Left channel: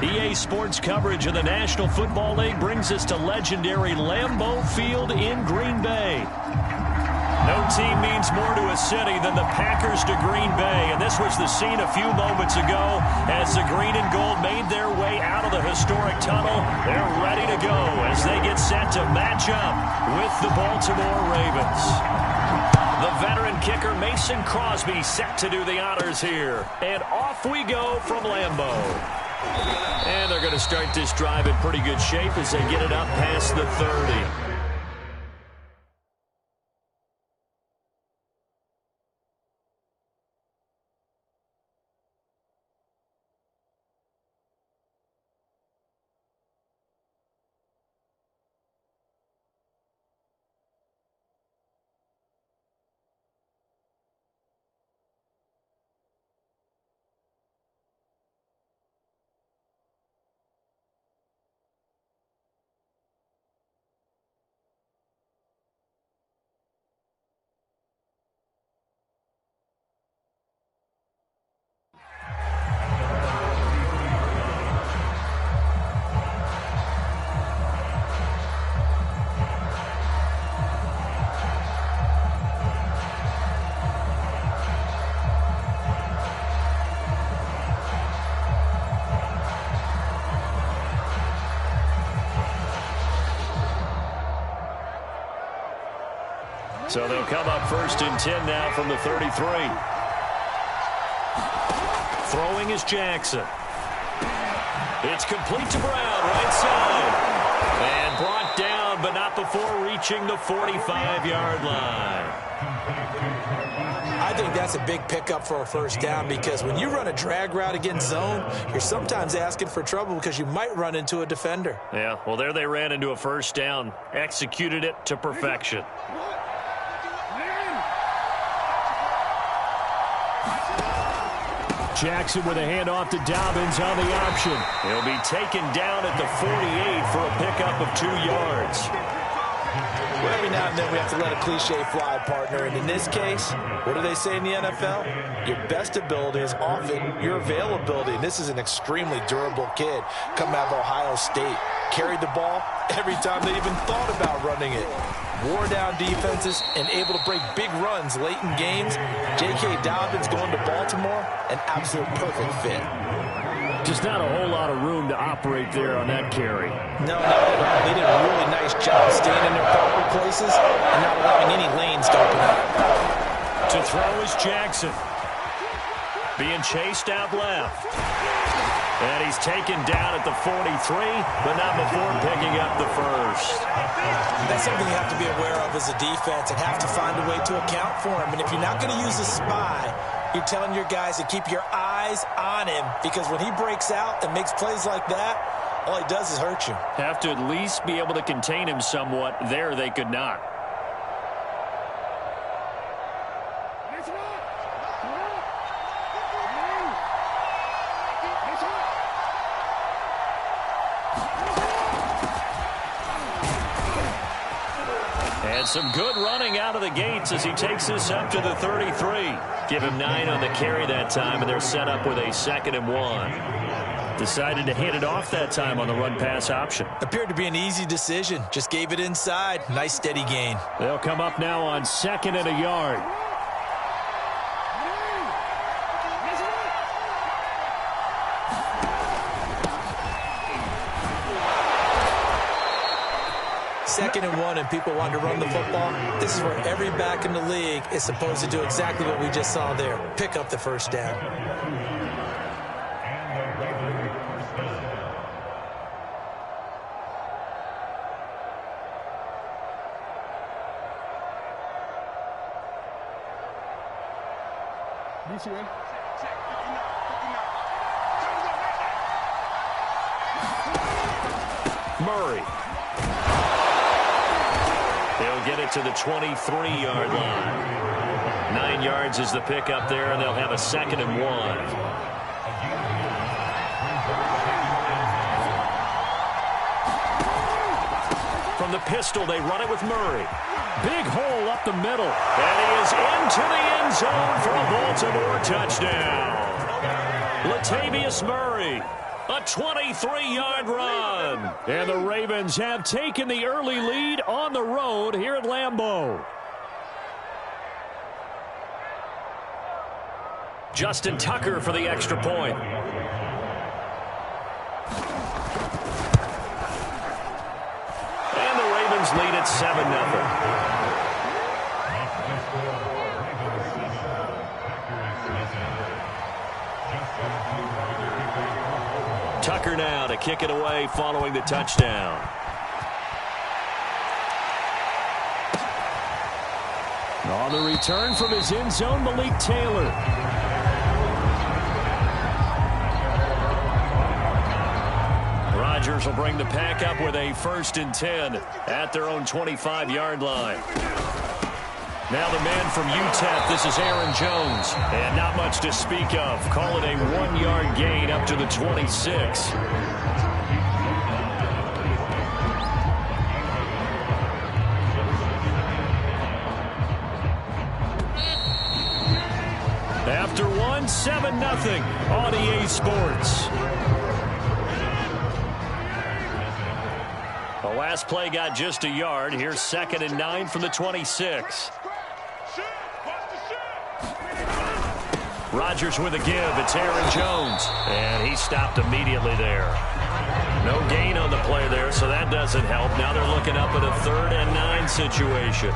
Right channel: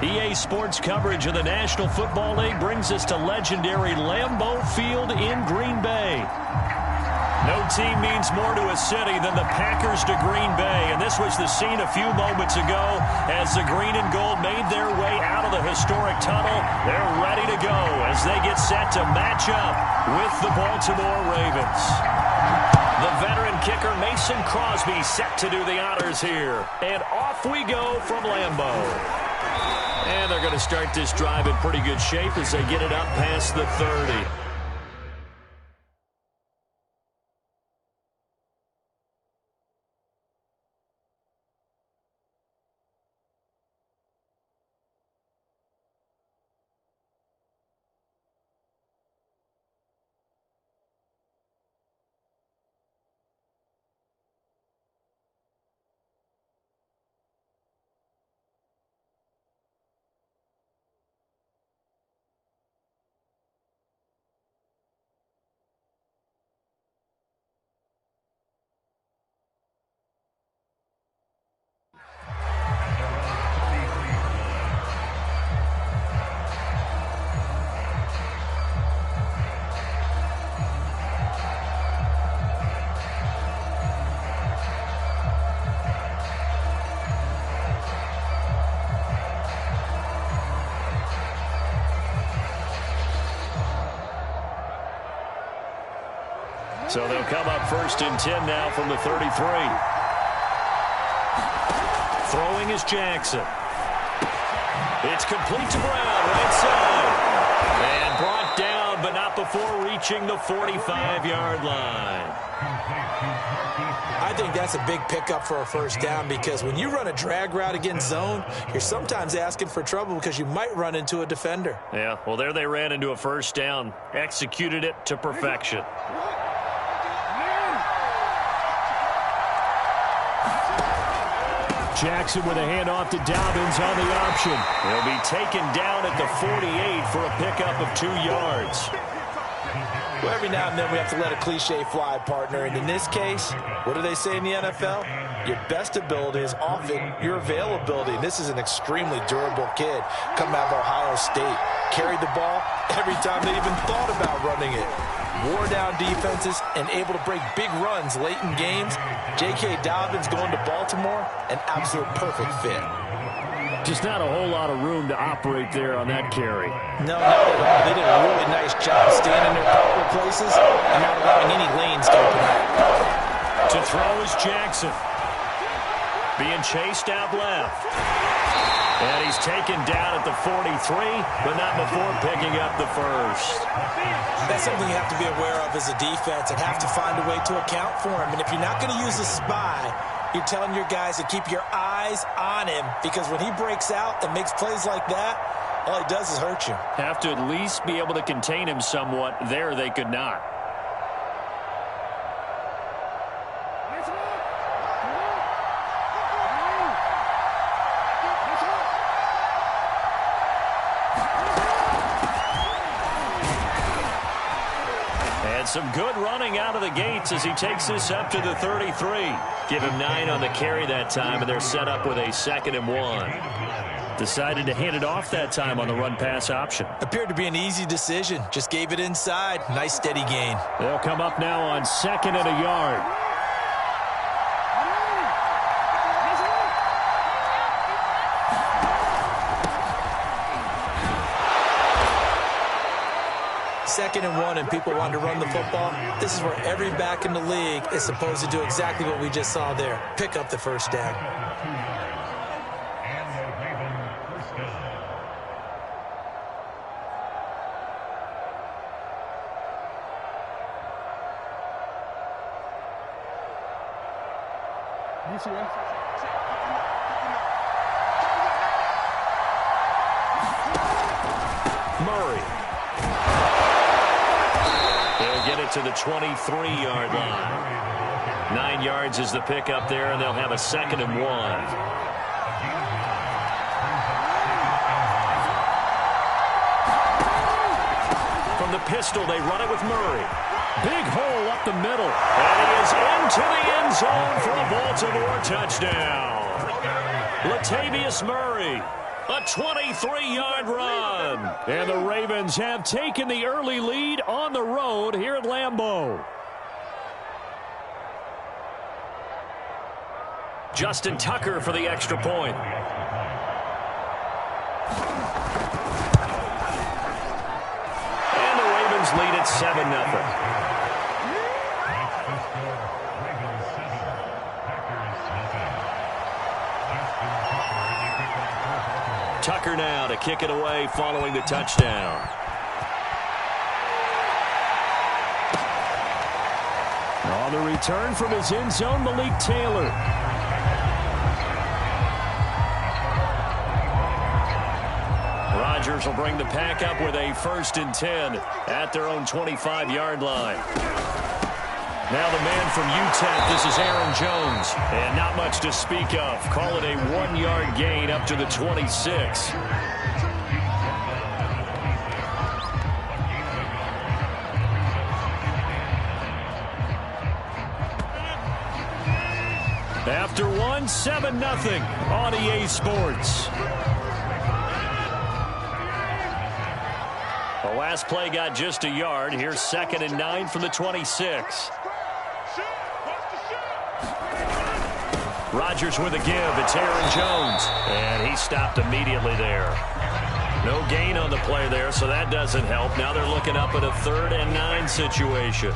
EA Sports coverage of the National Football League brings us to legendary Lambeau Field in Green Bay. No team means more to a city than the Packers to Green Bay, and this was the scene a few moments ago as the green and gold made their way out of the historic tunnel. They're ready to go as they get set to match up with the Baltimore Ravens. The veteran kicker Mason Crosby set to do the honors here, and off we go from Lambeau. And they're going to start this drive in pretty good shape as they get it up past the 30. So they'll come up 1st and 10 now from the 33. Throwing is Jackson. It's complete to Brown, right side. And brought down, but not before reaching the 45-yard line. I think that's a big pickup for a first down because when you run a drag route against zone, you're sometimes asking for trouble because you might run into a defender. Yeah, well, there they ran into a first down. Executed it to perfection. Jackson with a handoff to Dobbins on the option. He'll be taken down at the 48 for a pickup of 2 yards. Well, every now and then we have to let a cliche fly, partner. And in this case, what do they say in the NFL? Your best ability is often your availability. And this is an extremely durable kid coming out of Ohio State. Carried the ball every time they even thought about running it. Wore down defenses and able to break big runs late in games. J.K. Dobbins going to Baltimore, an absolute perfect fit. Just not a whole lot of room to operate there on that carry. No, not at all. They did a really nice job staying in their proper places and not allowing any lanes to open up. To throw is Jackson. Being chased out left. And he's taken down at the 43, but not before picking up the first. That's something you have to be aware of as a defense and have to find a way to account for him. And if you're not going to use a spy, you're telling your guys to keep your eyes on him because when he breaks out and makes plays like that, all he does is hurt you. Have to at least be able to contain him somewhat. There they could not. And some good running out of the gates as he takes this up to the 33. Give him 9 on the carry that time, and they're set up with a 2nd and 1. Decided to hand it off that time on the run-pass option. Appeared to be an easy decision. Just gave it inside. Nice steady gain. They'll come up now on 2nd and a yard. Second and 1 and people want to run the football. This is where every back in the league is supposed to do exactly what we just saw there. Pick up the first down. Murray. They'll get it to the 23-yard line. 9 yards is the pickup there, and they'll have a 2nd and 1. From the pistol, they run it with Murray. Big hole up the middle. And he is into the end zone for a Baltimore touchdown. Latavius Murray. A 23-yard run. And the Ravens have taken the early lead on the road here at Lambeau. Justin Tucker for the extra point. And the Ravens lead at 7-0. Tucker now to kick it away following the touchdown. On the return from his end zone, Malik Taylor. Rodgers will bring the pack up with a 1st and 10 at their own 25-yard line. Now the man from UTEP, this is Aaron Jones. And not much to speak of. Call it a 1-yard gain up to the 26. After 1, 7-0 on EA Sports. The last play got just a yard. Here's 2nd and 9 from the 26. Rodgers with a give. It's Aaron Jones. And he stopped immediately there. No gain on the play there, so that doesn't help. Now they're looking up at a 3rd and 9 situation.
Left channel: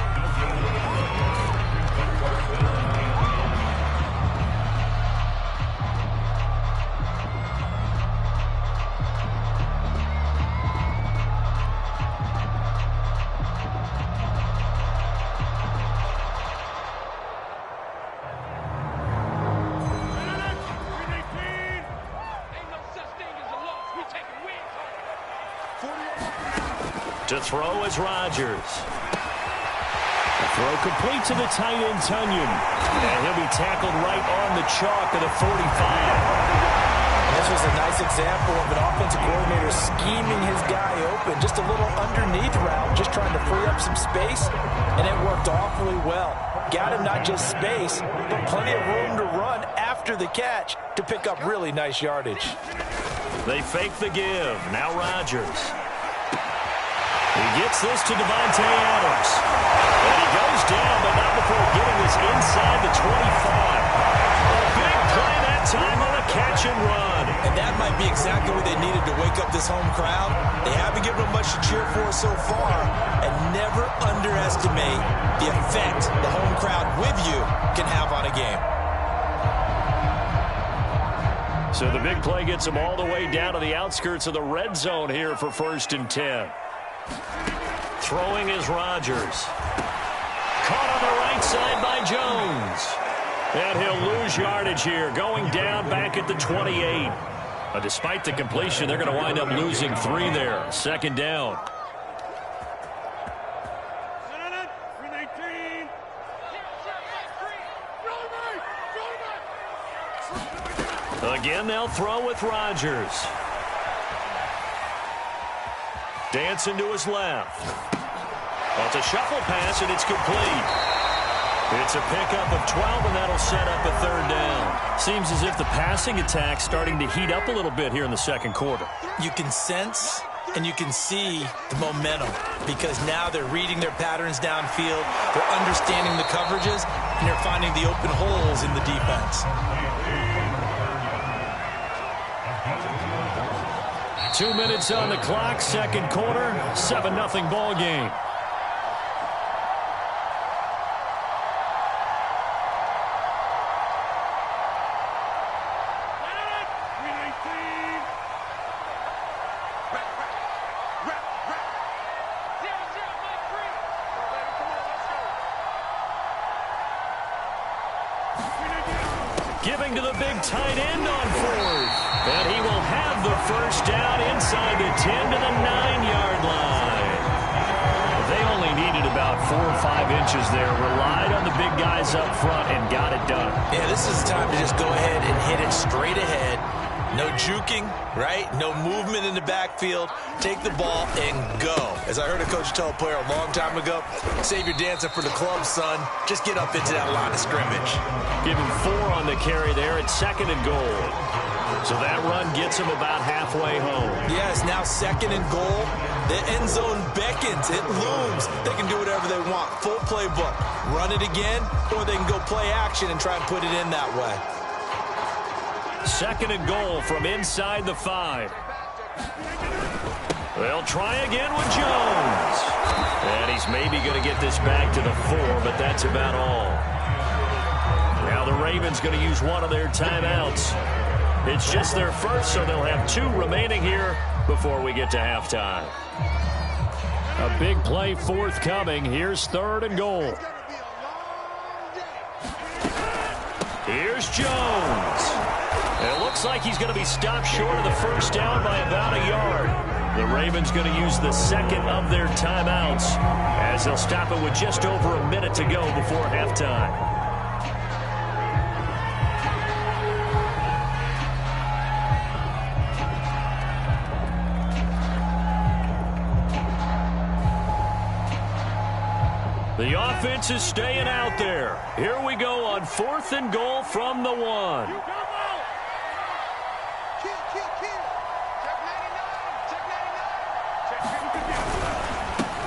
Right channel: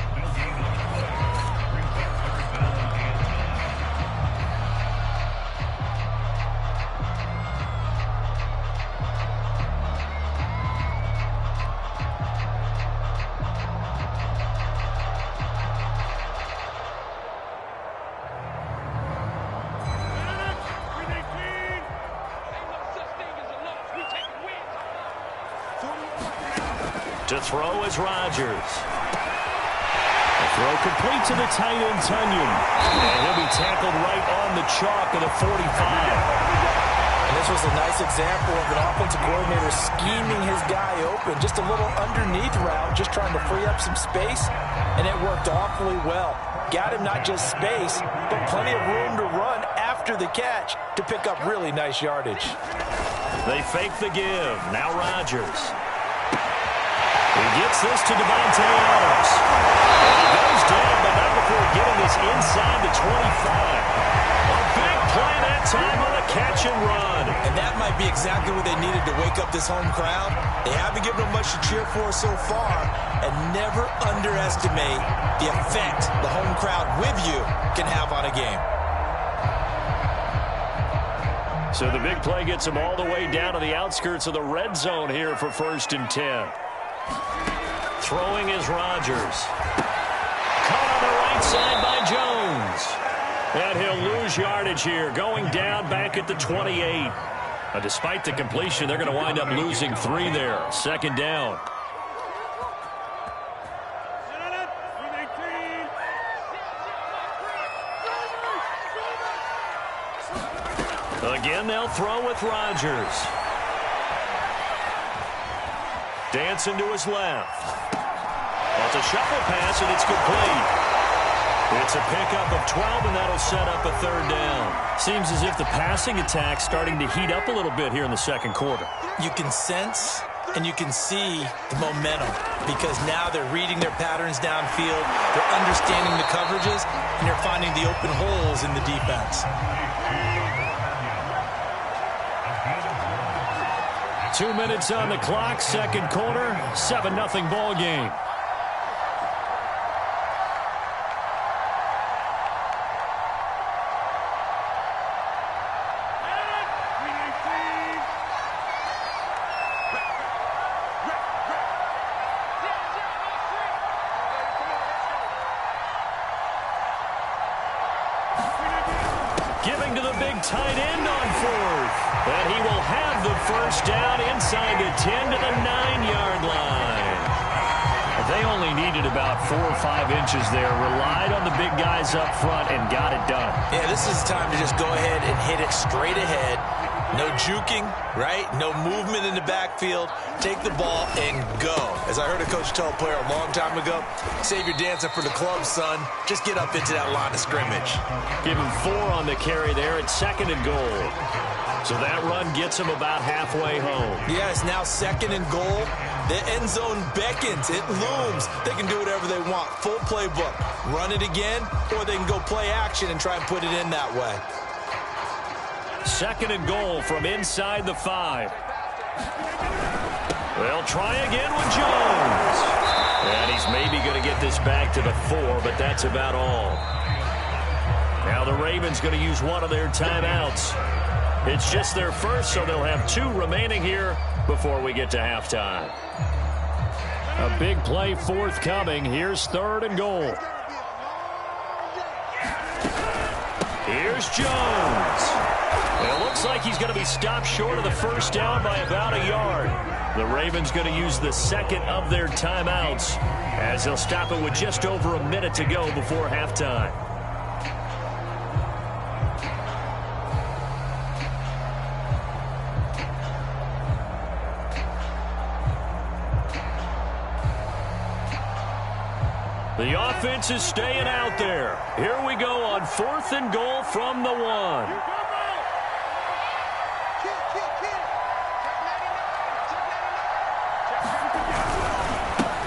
To throw is Rodgers. The throw complete to the tight end, Tunyon. And he'll be tackled right on the chalk of the 45. And this was a nice example of an offensive coordinator scheming his guy open. Just a little underneath route, just trying to free up some space. And it worked awfully well. Got him not just space, but plenty of room to run after the catch to pick up really nice yardage. They fake the give. Now Rodgers. He gets this to Devontae Adams. And he goes down, but not before getting this inside the 25. A big play that time on a catch and run. And that might be exactly what they needed to wake up this home crowd. They haven't given them much to cheer for so far. And never underestimate the effect the home crowd with you can have on a game. So the big play gets them all the way down to the outskirts of the red zone here for 1st and 10. Throwing is Rodgers. Caught on the right side by Jones. And he'll lose yardage here, going down back at the 28. Despite the completion, they're going to wind up losing 3 there. 2nd down. Again, they'll throw with Rodgers. Dancing to his left. Well, it's a shuffle pass, and it's complete. It's a pickup of 12, and that'll set up a 3rd down. Seems as if the passing attack's starting to heat up a little bit here in the 2nd quarter. You can sense and you can see the momentum because now they're reading their patterns downfield, they're understanding the coverages, and they're finding the open holes in the defense. 2 minutes on the clock, 2nd quarter, 7-0 ball game. Giving to the big tight end on 4th. And he will have the 1st down inside the 10 to the 9-yard line. They only needed about 4 or 5 inches there. Relied on the big guys up front and got it done. Yeah, this is time to just go ahead and hit it straight ahead. No juking, right? No movement in the backfield. Take the ball and go. As I heard a coach tell a player a long time ago, save your dancing for the club, son. Just get up into that line of scrimmage. Give him 4 on the carry there at 2nd and goal. So that run gets him about halfway home. Yeah, it's now 2nd and goal. The end zone beckons. It looms. They can do whatever they want. Full playbook. Run it again, or they can go play action and try and put it in that way. 2nd and goal from inside the 5. They'll try again with Jones. And he's maybe going to get this back to the 4, but that's about all. Now the Ravens going to use one of their timeouts. It's just their first, so they'll have 2 remaining here before we get to halftime. A big play forthcoming. Here's 3rd and goal. Here's Jones. It looks like he's going to be stopped short of the first down by about a yard. The Ravens going to use the 2nd of their timeouts as they'll stop it with just over a minute to go before halftime. The offense is staying out there. Here we go on 4th and goal from the 1.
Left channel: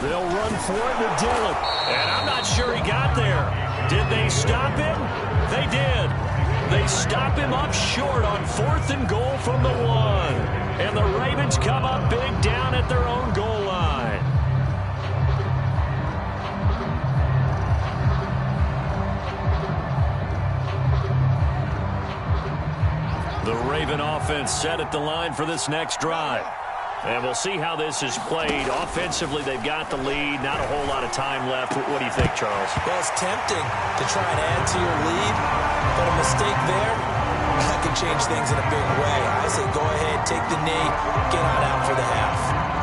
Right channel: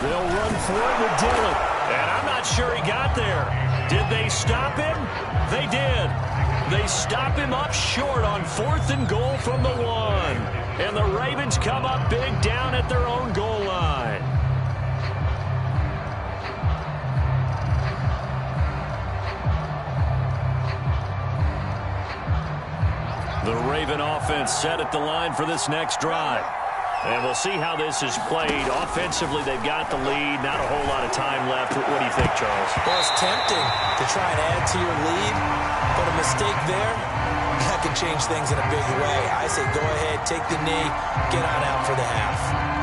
They'll run for it with Dillon. And I'm not sure he got there. Did they stop him? They did. They stop him up short on 4th and goal from the 1. And the Ravens come up big down at their own goal line. The Raven offense set at the line for this next drive. And we'll see how this is played. Offensively, they've got the lead. Not a whole lot of time left. What do you think, Charles? Well, it's tempting to try and add to your lead, but a mistake there, that can change things in a big way. I say go ahead, take the knee, get on out for the half.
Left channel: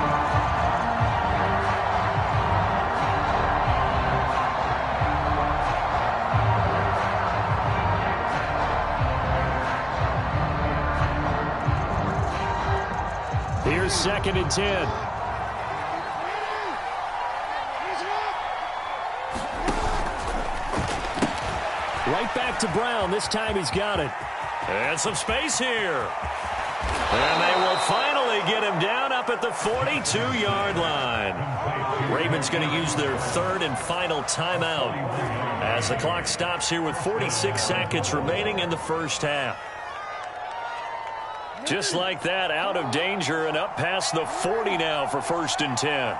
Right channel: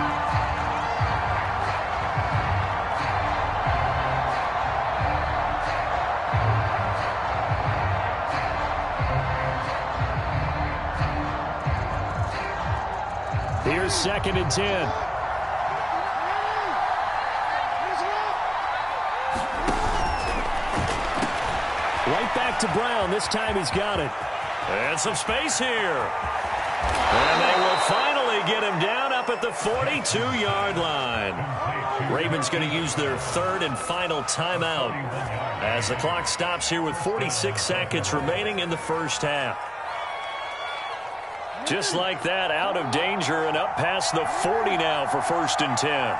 Here's 2nd and 10. Right back to Brown. This time he's got it. And some space here. And they will finally get him down up at the 42-yard line. Ravens going to use their 3rd and final timeout as the clock stops here with 46 seconds remaining in the first half. Just like that, out of danger and up past the 40 now for 1st and 10.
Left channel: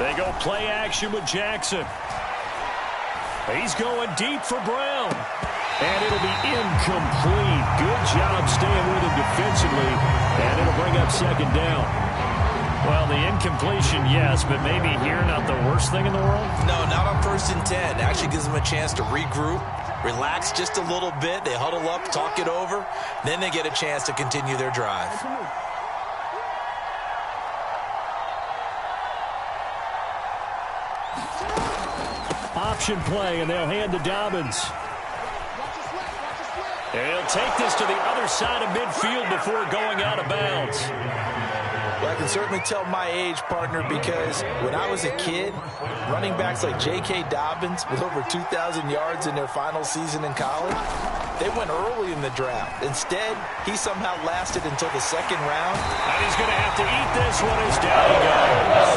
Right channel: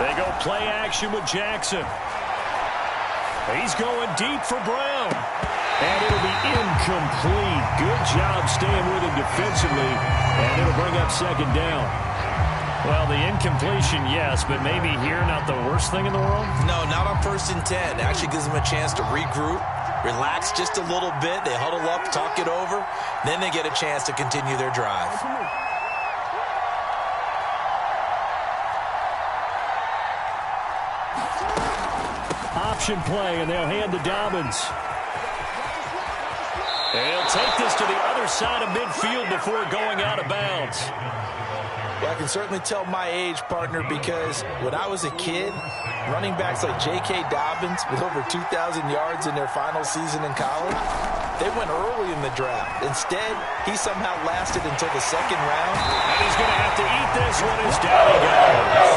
They go play action with Jackson. He's going deep for Brown. And it'll be incomplete. Good job staying with him defensively. And it'll bring up 2nd down. Well, the incompletion, yes, but maybe here not the worst thing in the world? No, not on 1st and 10. Actually gives them a chance to regroup, relax just a little bit. They huddle up, talk it over. Then they get a chance to continue their drive. Option play, and they'll hand to Dobbins. And he'll take this to the other side of midfield before going out of bounds. Well, I can certainly tell my age, partner, because when I was a kid, running backs like J.K. Dobbins with over 2,000 yards in their final season in college, they went early in the draft. Instead, he somehow lasted until the 2nd round. And he's going to have to eat this one as down he goes.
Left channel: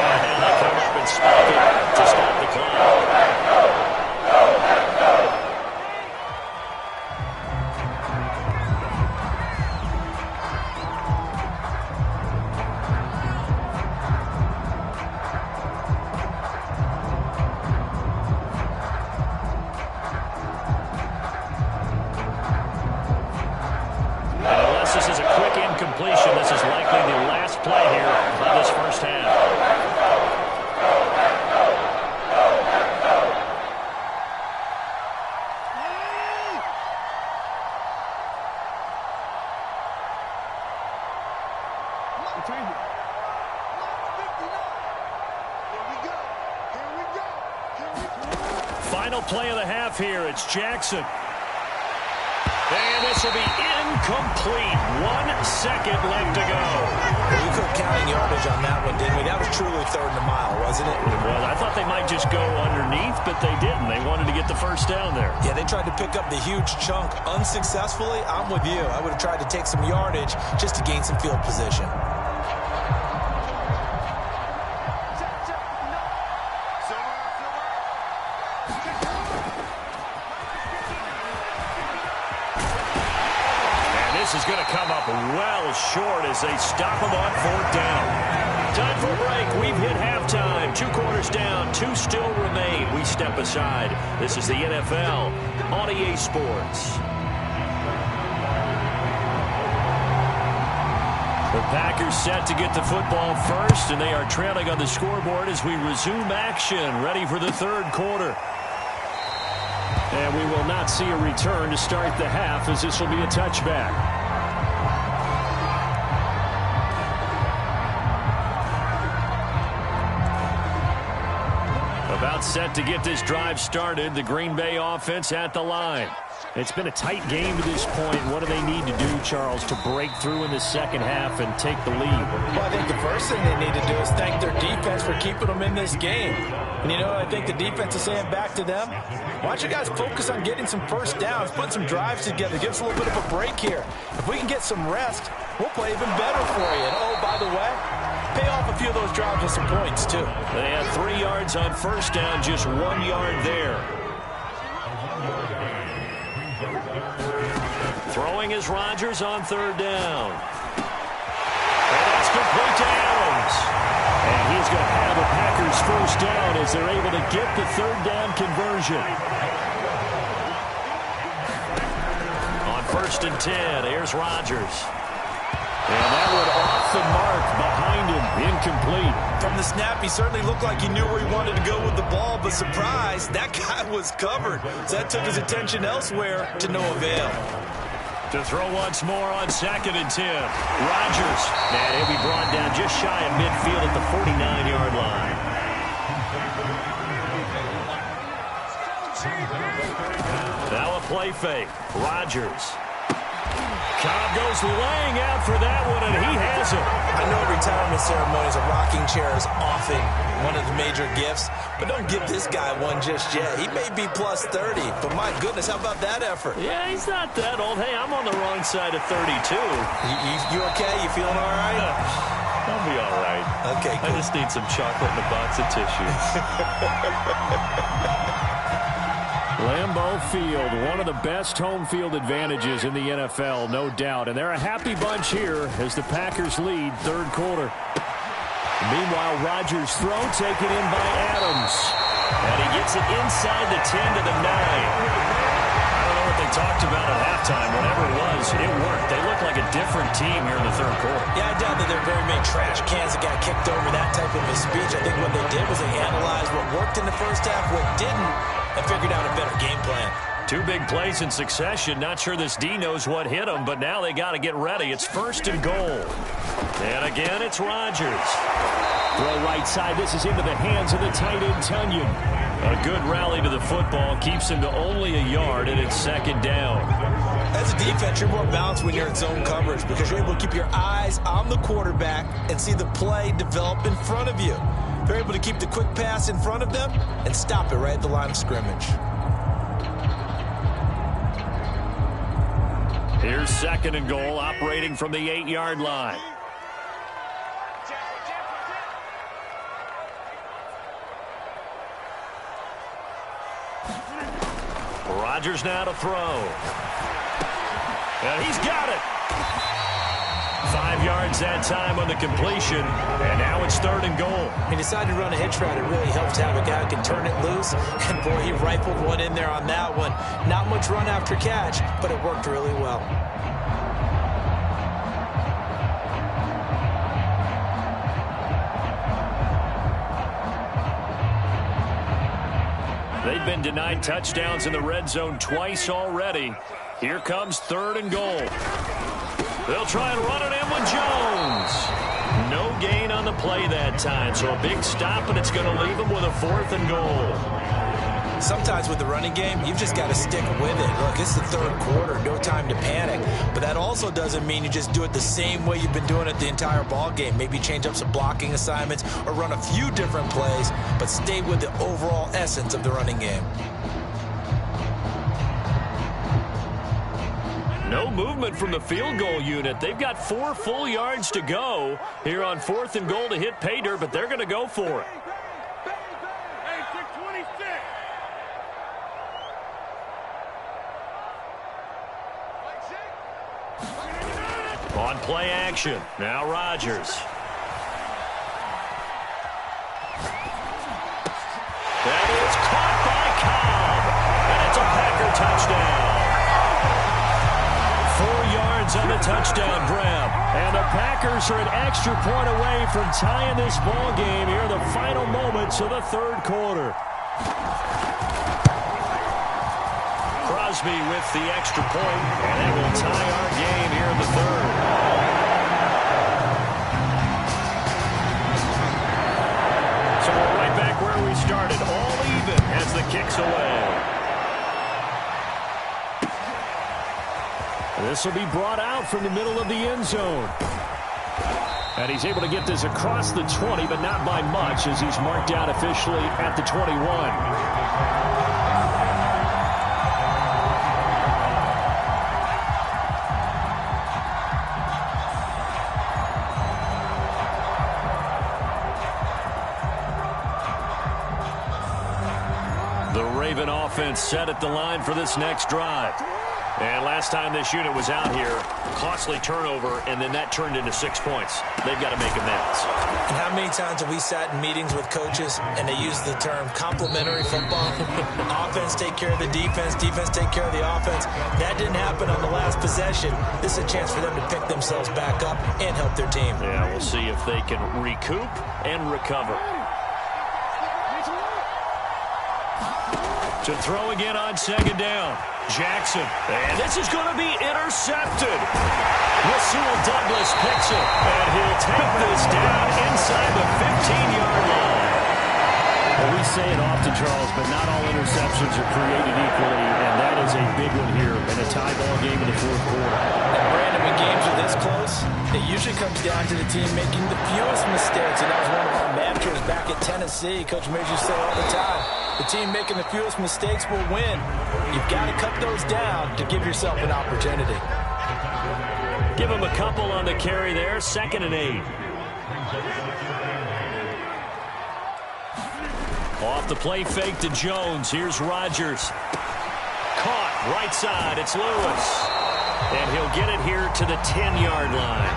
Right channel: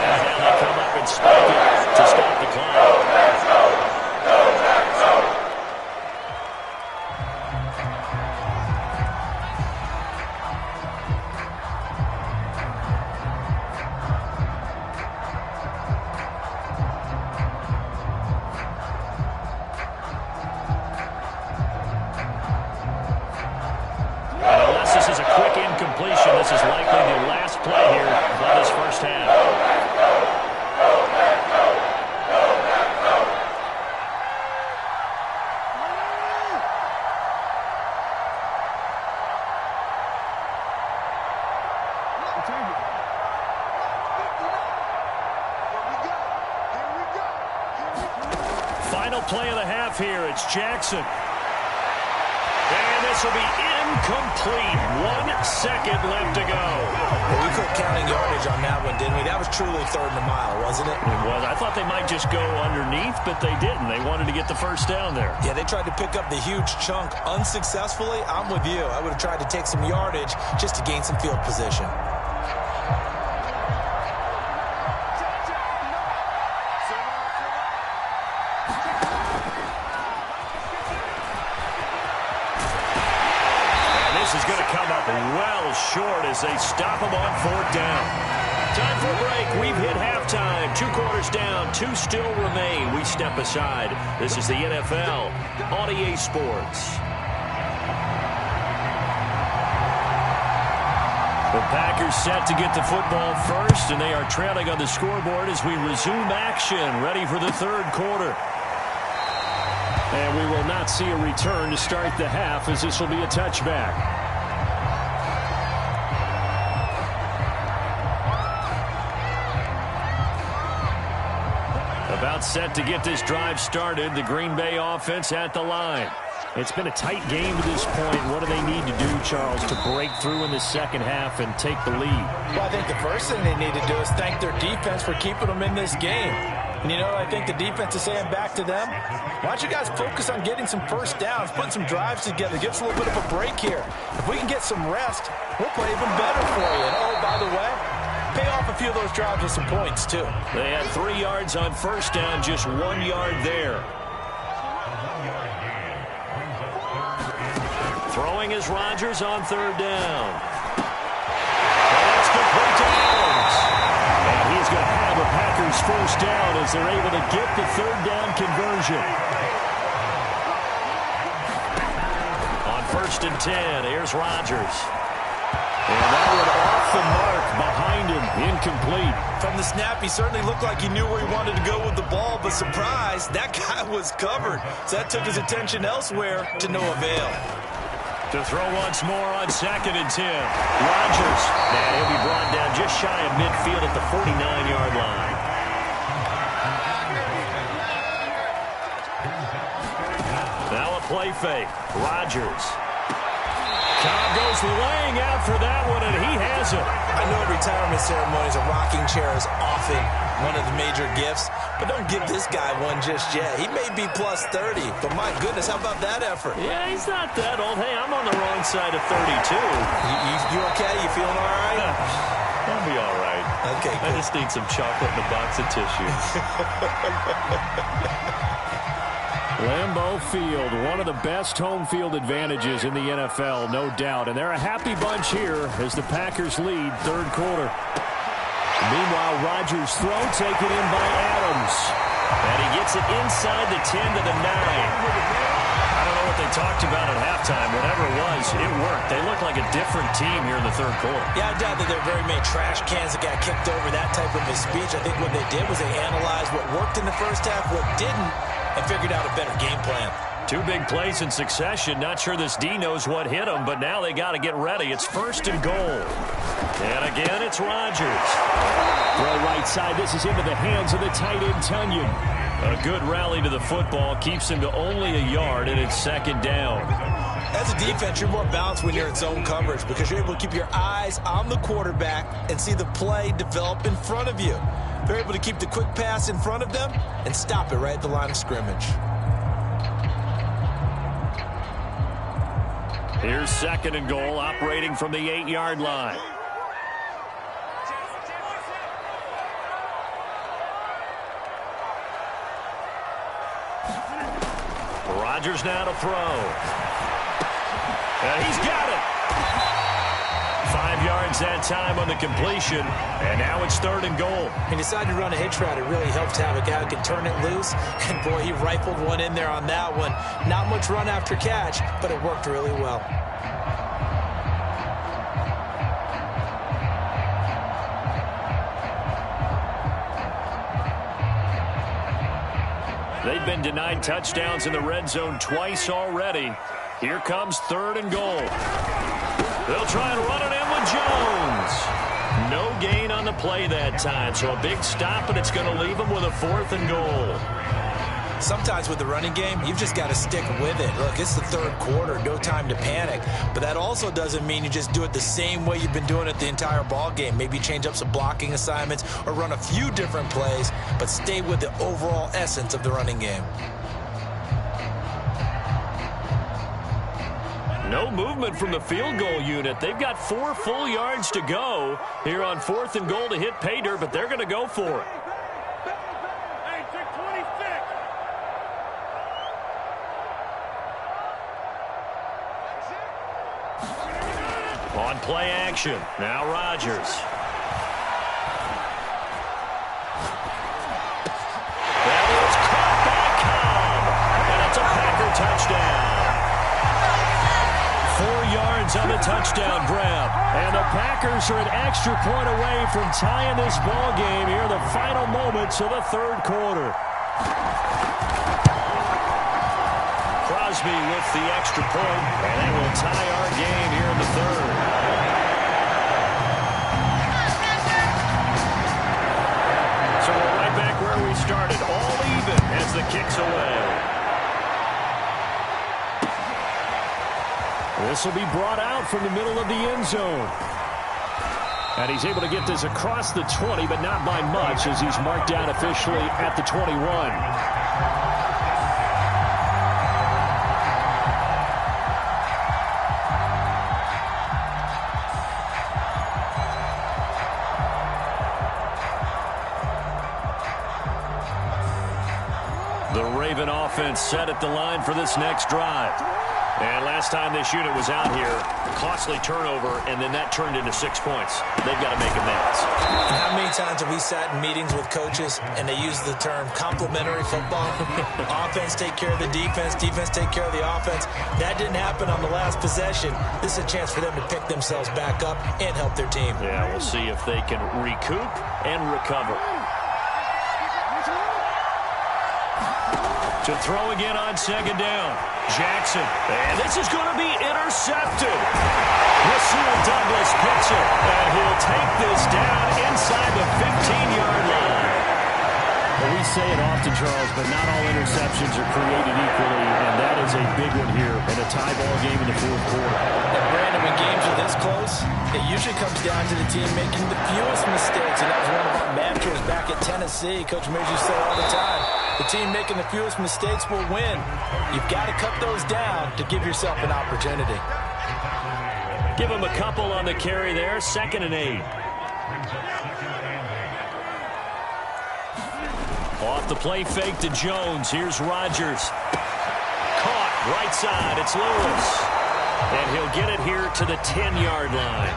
And now they come up and spike it to stop the clock. This is a quick incompletion. This is likely the last play here of this first half. Final play of the half here. It's Jackson. And this will be incomplete. 1 second left to go. Well, we quit counting yardage on that one, didn't we? That was truly third and a mile, wasn't it? It was. I thought they might just go underneath, but they didn't. They wanted to get the first down there. Yeah, they tried to pick up the huge chunk unsuccessfully. I'm with you. I would have tried to take some yardage just to gain some field position. This is going to come up well short as they stop him on 4th down. Time for a break. We've hit halftime. 2 quarters down. 2 still remain. We step aside. This is the NFL on EA Sports. The Packers set to get the football first, and they are trailing on the scoreboard as we resume action, ready for the 3rd quarter. And we will not see a return to start the half, as this will be a touchback. About set to get this drive started, the Green Bay offense at the line. It's been a tight game to this point. What do they need to do, Charles, to break through in the second half and take the lead? Well, I think the first thing they need to do is thank their defense for keeping them in this game. And you know what I think the defense is saying back to them? Why don't you guys focus on getting some first downs, putting some drives together, give us a little bit of a break here. If we can get some rest, we'll play even better for you. And oh, by the way, pay off a few of those drives with some points, too. They had 3 yards on first down, just 1 yard there. Throwing is Rodgers on 3rd down. And that's complete to Adams. And he's going to have a Packers first down as they're able to get the 3rd down conversion. On 1st and 10, here's Rodgers. And that one off the mark behind him, incomplete. From the snap, he certainly looked like he knew where he wanted to go with the ball, but surprise, that guy was covered. So that took his attention elsewhere to no avail. To throw once more on 2nd and 10. Rodgers, and he'll be brought down just shy of midfield at the 49-yard line. Now a play fake. Rodgers. Cobb goes laying out for that one, and he has it. I know retirement ceremonies, a rocking chair is often one of the major gifts, but don't give this guy one just yet. He may be plus 30, but my goodness, how about that effort? Yeah, he's not that old. Hey, I'm on the wrong side of 32. You okay? You feeling all right? I'll be all right. Okay, cool. I just need some chocolate and a box of tissues. Lambeau Field, one of the best home field advantages in the NFL, no doubt. And they're a happy bunch here as the Packers lead 3rd quarter. Meanwhile, Rodgers' throw taken in by Adams. And he gets it inside the 10 to the 9. I don't know what they talked about at halftime. Whatever it was, it worked. They look like a different team here in the 3rd quarter. Yeah, I doubt that there are very many trash cans that got kicked over, that type of a speech. I think what they did was they analyzed what worked in the first half, what didn't, and figured out a better game plan. 2 big plays in succession. Not sure this D knows what hit him, but now they got to get ready. It's 1st and goal. And again, it's Rodgers. Throw right side. This is into the hands of the tight end, Tunyon. A good rally to the football. Keeps him to only a yard, and it's 2nd down. As a defense, you're more balanced when you're in zone coverage because you're able to keep your eyes on the quarterback and see the play develop in front of you. They're able to keep the quick pass in front of them and stop it right at the line of scrimmage. Here's 2nd and goal, operating from the 8-yard line. Rodgers now to throw. And he's got it. 5 yards that time on the completion, and now it's 3rd and goal. He decided to run a hitch route. It really helps to have a guy who can turn it loose, and boy, he rifled one in there on that one. Not much run after catch, but it worked really well. They've been denied touchdowns in the red zone twice already. Here comes 3rd and goal. They'll try and run it in with Jones. No gain on the play that time, so a big stop, and it's going to leave them with a 4th and goal. Sometimes with the running game, you've just got to stick with it. Look, it's the third quarter, no time to panic. But that also doesn't mean you just do it the same way you've been doing it the entire ball game. Maybe change up some blocking assignments or run a few different plays, but stay with the overall essence of the running game. No movement from the field goal unit. They've got 4 full yards to go here on 4th and goal to hit pay dirt, but they're going to go for it. On play action, now Rodgers. That is caught by Cobb, and it's a Packer touchdown. 4 yards on the touchdown grab, and the Packers are an extra point away from tying this ball game here in the final moments of the third quarter. Crosby with the extra point, and it will tie our game here in the third. So we're right back where we started, all even as the kick's away. This will be brought out from the middle of the end zone. And he's able to get this across the 20, but not by much, as he's marked down officially at the 21. The Raven offense set at the line for this next drive. And last time this unit was out here, costly turnover, and then that turned into 6 points. They've got to make amends. And how many times have we sat in meetings with coaches and they use the term complementary football? Offense take care of the defense, defense take care of the offense. That didn't happen on the last possession. This is a chance for them to pick themselves back up and help their team. Yeah, we'll see if they can recoup and recover. To throw again on second down. Jackson. And this is going to be intercepted. Rasul Douglas picks it. And he'll take this down inside the 15-yard line. Well, we say it often, Charles, but not all interceptions are created equally, and that is a big one here in a tie ball game in the fourth quarter. And Brandon, when games are this close, it usually comes down to the team making the fewest mistakes, and that was one of our mantras back at Tennessee. Coach Major used to say all the time, the team making the fewest mistakes will win. You've got to cut those down to give yourself an opportunity. Give him a couple on the carry there, 2nd and 8. Off the play fake to Jones. Here's Rodgers. Caught right side. It's Lewis. And he'll get it here to the 10-yard line.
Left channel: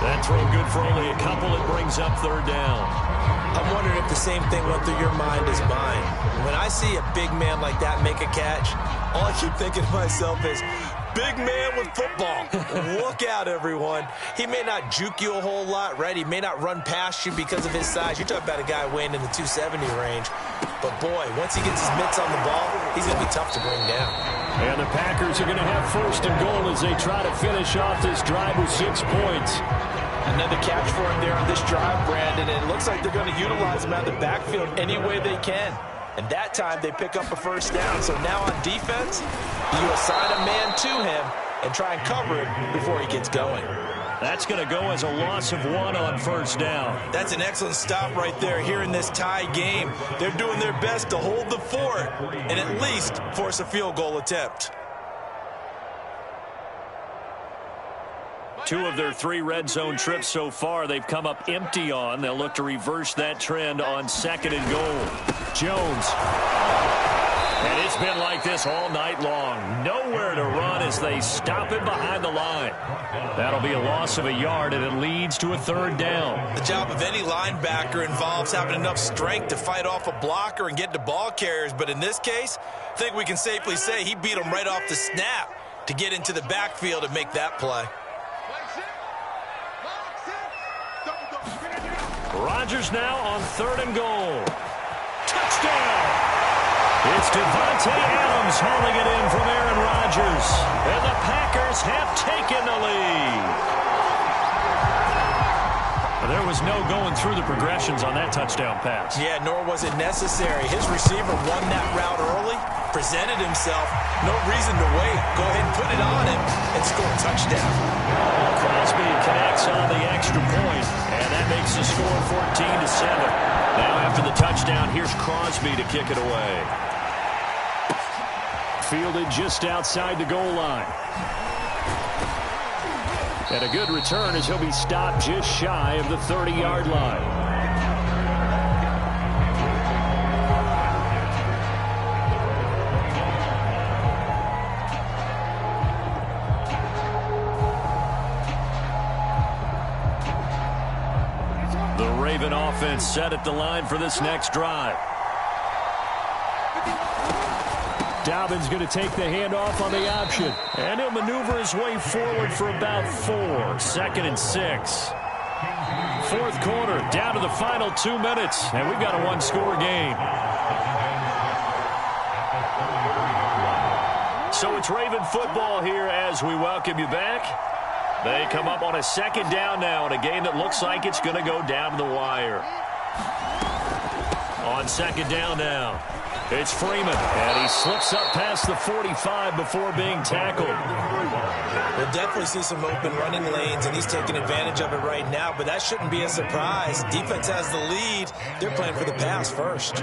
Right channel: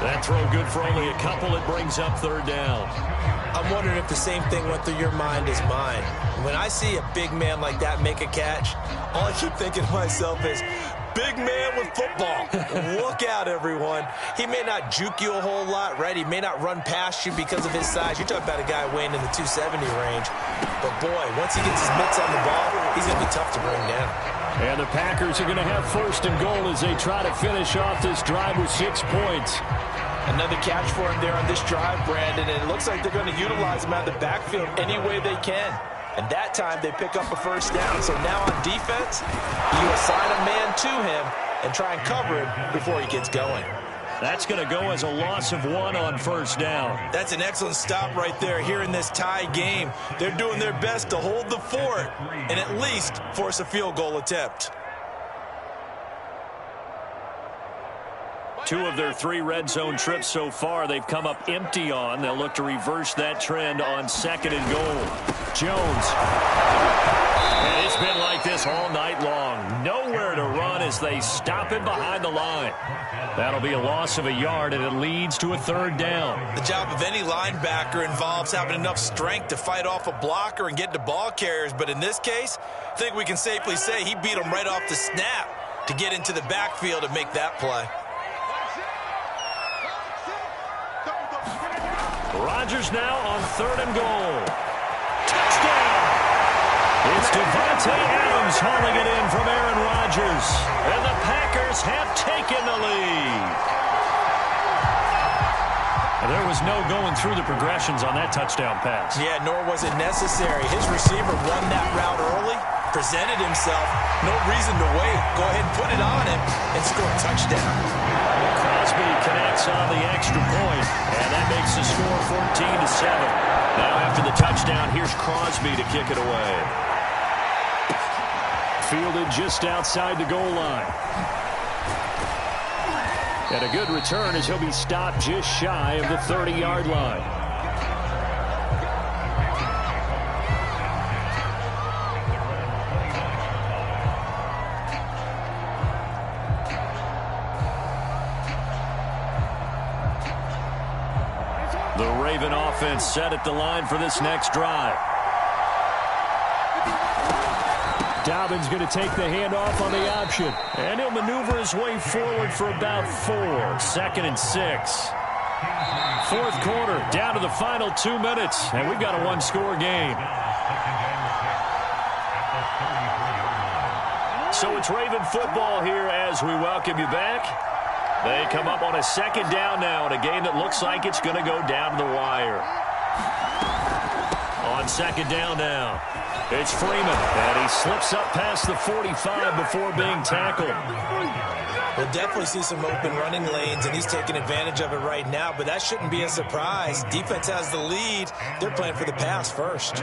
That throw good for only a couple. It brings up 3rd down. I'm wondering if the same thing went through your mind as mine. When I see a big man like that make a catch, all I keep thinking to myself is, big man with football. Look out, everyone. He may not juke you a whole lot, right? He may not run past you because of his size. You're talking about a guy weighing in the 270 range. But, boy, once he gets his mitts on the ball, he's going to be tough to bring down. And the Packers are going to have 1st and goal as they try to finish off this drive with 6 points. Another catch for him there on this drive, Brandon, and it looks like they're going to utilize him out of the backfield any way they can. And that time they pick up a 1st down. So now on defense, you assign a man to him and try and cover it before he gets going. That's going to go as a loss of 1 on 1st down. That's an excellent stop right there here in this tie game. They're doing their best to hold the fort and at least force a field goal attempt. 2 of their 3 red zone trips so far they've come up empty on. They'll look to reverse that trend on 2nd and goal. Jones. And it's been like this all night long. Nowhere to run as they stop him behind the line. That'll be a loss of a yard, and it leads to a 3rd down. The job of any linebacker involves having enough strength to fight off a blocker and get to ball carriers. But in this case, I think we can safely say he beat him right off the snap to get into the backfield and make that play. Rodgers now on 3rd and goal. Touchdown! It's Devontae Adams hauling it in from Aaron Rodgers. And the Packers have taken the lead. And there was no going through the progressions on that touchdown pass. Yeah, nor was it necessary. His receiver won that route early, presented himself, no reason to wait. Go ahead and put it on him and score a touchdown. Crosby connects on the extra point, and that makes the score 14-7. Now after the touchdown, here's Crosby to kick it away. Fielded just outside the goal line. And a good return as he'll be stopped just shy of the 30-yard line. The Raven offense set at the line for this next drive. Dobbins going to take the handoff on the option. And he'll maneuver his way forward for about 4. 2nd and 6. Fourth quarter, down to the final 2 minutes. And we've got a one-score game. So it's Raven football here as we welcome you back. They come up on a 2nd down now in a game that looks like it's going to go down to the wire. On 2nd down now, it's Freeman, and he slips up past the 45 before being tackled. We'll definitely see some open running lanes, and he's taking advantage of it right now, but that shouldn't be a surprise. Defense has the lead. They're playing for the pass first.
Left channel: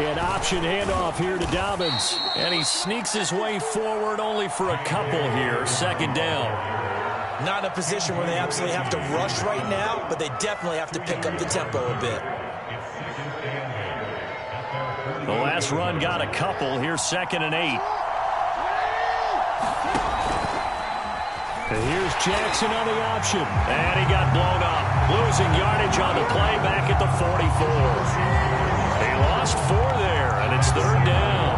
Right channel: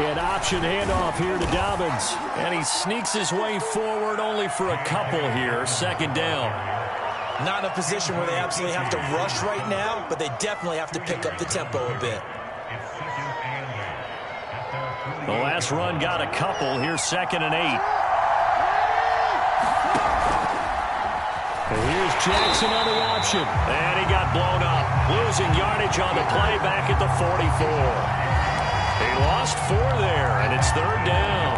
An option handoff here to Dobbins. And he sneaks his way forward only for a couple here. 2nd down. Not in a position where they absolutely have to rush right now, but they definitely have to pick up the tempo a bit. The last run got a couple. Here's 2nd and 8. And here's Jackson on the option. And he got blown up. Losing yardage on the play back at the 44. He lost 4 there, and it's 3rd down.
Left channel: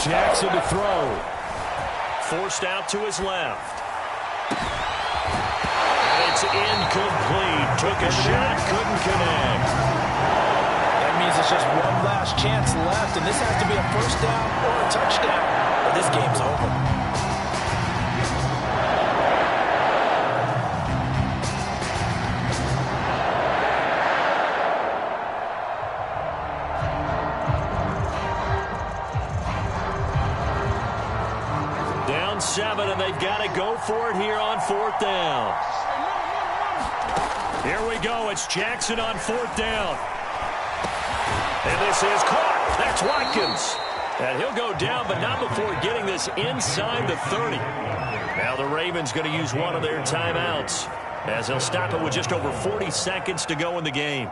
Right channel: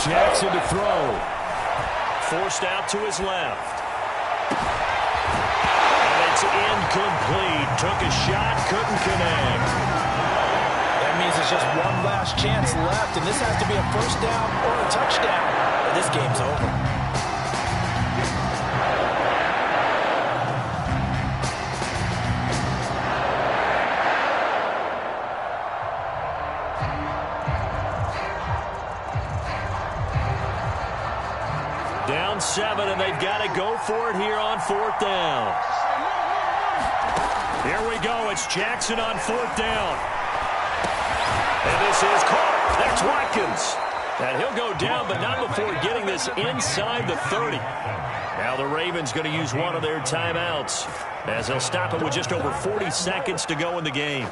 Jackson to throw. Forced out to his left. And it's incomplete. Took a shot, couldn't connect. That means it's just one last chance left, and this has to be a 1st down or a touchdown. This game's over. Down 7, and they've got to go for it here on 4th down. Here we go. It's Jackson on 4th down. And this is caught. That's Watkins. And he'll go down, but not before getting this inside the 30. Now the Ravens going to use one of their timeouts as they'll stop it with just over 40 seconds to go in the game.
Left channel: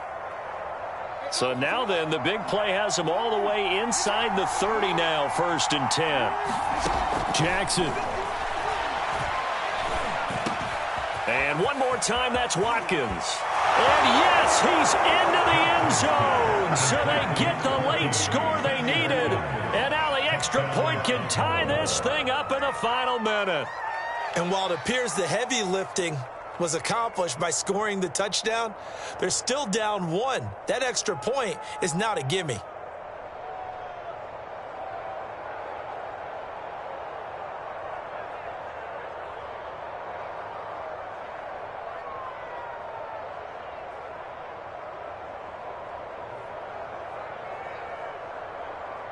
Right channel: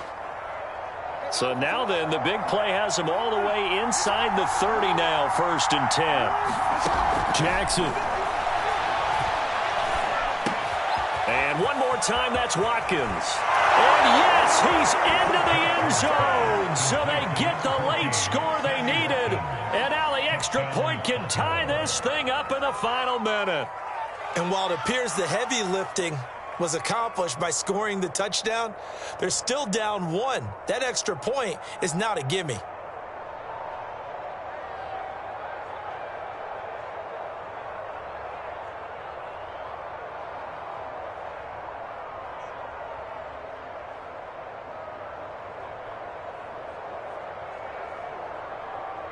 So now then, the big play has them all the way inside the 30 now, 1st and 10. Jackson. And one more time, that's Watkins. And yes, he's into the end zone. So they get the late score they needed. And now the extra point can tie this thing up in the final minute. And while it appears the heavy lifting was accomplished by scoring the touchdown, they're still down 1. That extra point is not a gimme.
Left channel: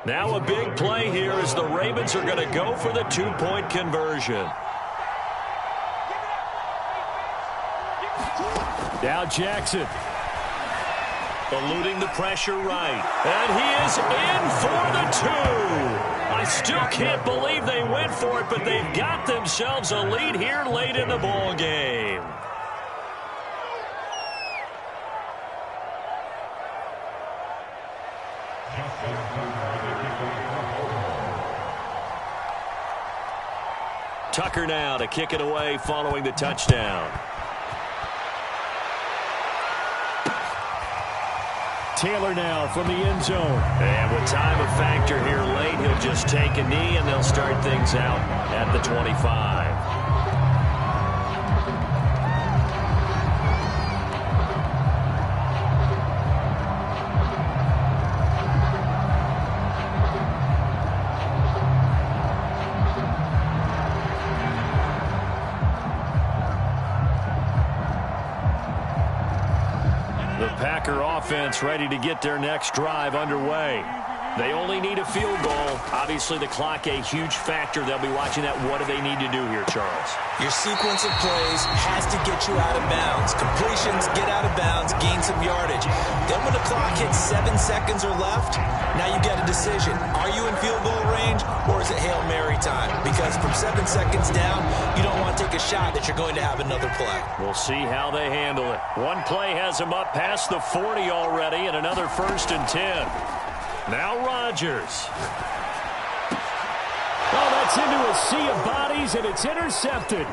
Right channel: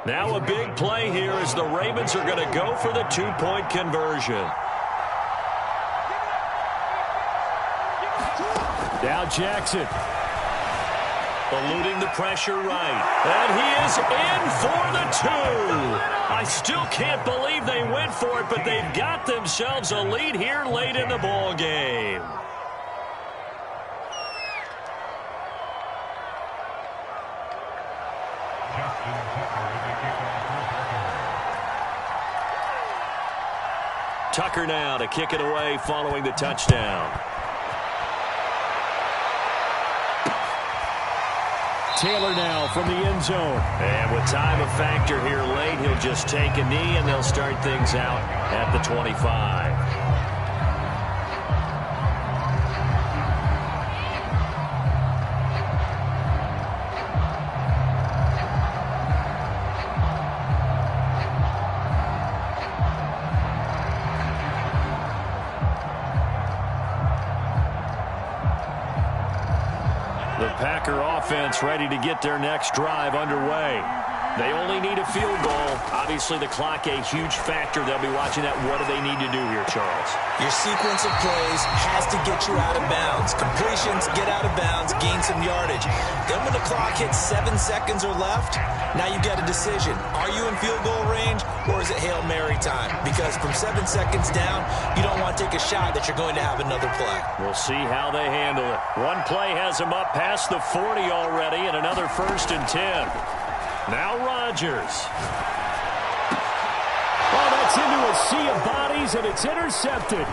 Now a big play here as the Ravens are going to go for the 2-point conversion. Now Jackson. Eluding the pressure right. And he is in for the 2. I still can't believe they went for it, but they've got themselves a lead here late in the ball game. Tucker now to kick it away following the touchdown. Taylor now from the end zone. And with time a factor here late, he'll just take a knee and they'll start things out at the 25. The Packer offense ready to get their next drive underway. They only need a field goal. Obviously, the clock a huge factor. They'll be watching that. What do they need to do here, Charles? Your sequence of plays has to get you out of bounds. Completions, get out of bounds, gain some yardage. Then when the clock hits 7 seconds or left, now you get a decision. Are you in field goal range, or is it Hail Mary time? Because from 7 seconds down, you don't want to take a shot that you're going to have another play. We'll see how they handle it. One play has them up past the 40 already, and another 1st and 10. Now Rodgers. Oh, that's into a sea of bodies, and it's intercepted.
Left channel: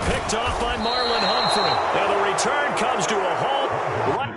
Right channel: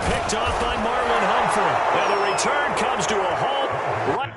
Picked off by Marlon Humphrey. Now the return comes to a halt right